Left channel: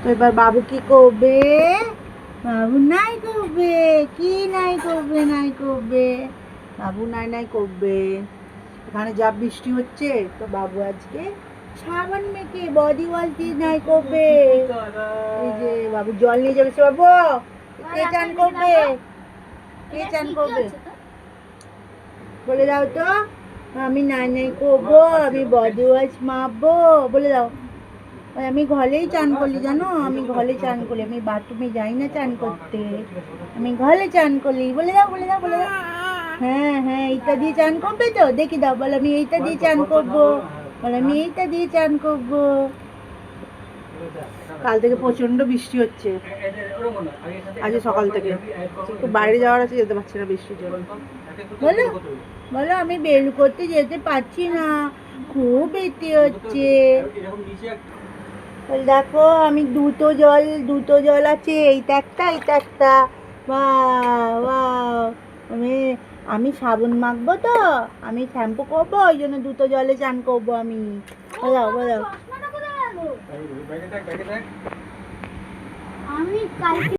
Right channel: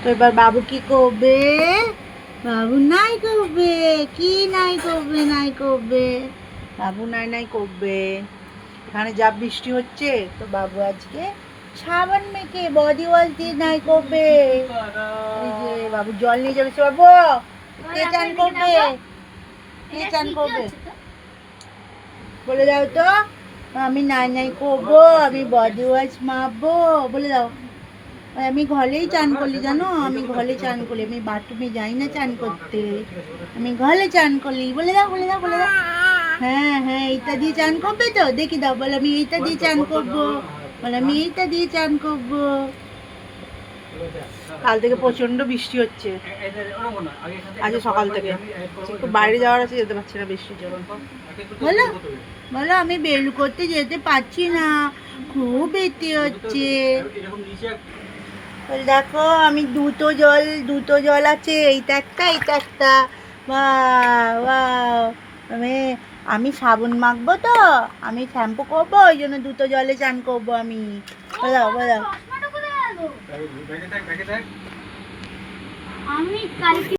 তো এবার বাবু কি করবে? বাবু নাই করবে। কি নাই করবে? নাই করবে, বাবু নাই নাই করবে। এখানে যা বৃষ্টি হচ্ছে তো বাবু আজকে সাবান মেখে বডি ওয়াশ দিয়ে নাই করবে। এই যে বাবু জল নিয়ে যাবে। বাবু কে চান করবে? কে চান করবে বলে দাও তো। আমি নাই নাই করবো, আমি বডি ওয়াশ মাখবো বলে দাও। আমি ঘরেই চান করলি জানো, আমি ঘরে চান করি, আমি বাথরুমে যাই না চান করতে, আমি ঘরে চান করি। বলে দাও বলে দাও বলে দাও। হ্যাঁ হ্যাঁ, এইটা দিয়ে চান করবে তো দেখি দাও। বলে আমি এইটা দিয়ে চান করবো, বলে আমি এইটা দিয়ে চান করবো। কাল থেকে প্রচন্ড বৃষ্টি হচ্ছে, আজ সকাল থেকে একটু বাইরে যাওয়ার আছে, যেতে পারছি না বৃষ্টির জন্য। বলো বলো, আমি বের করতে যেতে পারছি না, খুব এতে হচ্ছে। দেখো আমি দুটো জল আছে, এইটা একটা এইটা একটা। বাহ, আমি আমি সাবান মাখবো তো, আমি শ্যাম্পু করবো, ওই জন্য দুটো জলে চান করবো আমি। বলাও বলাও। আমি কালকে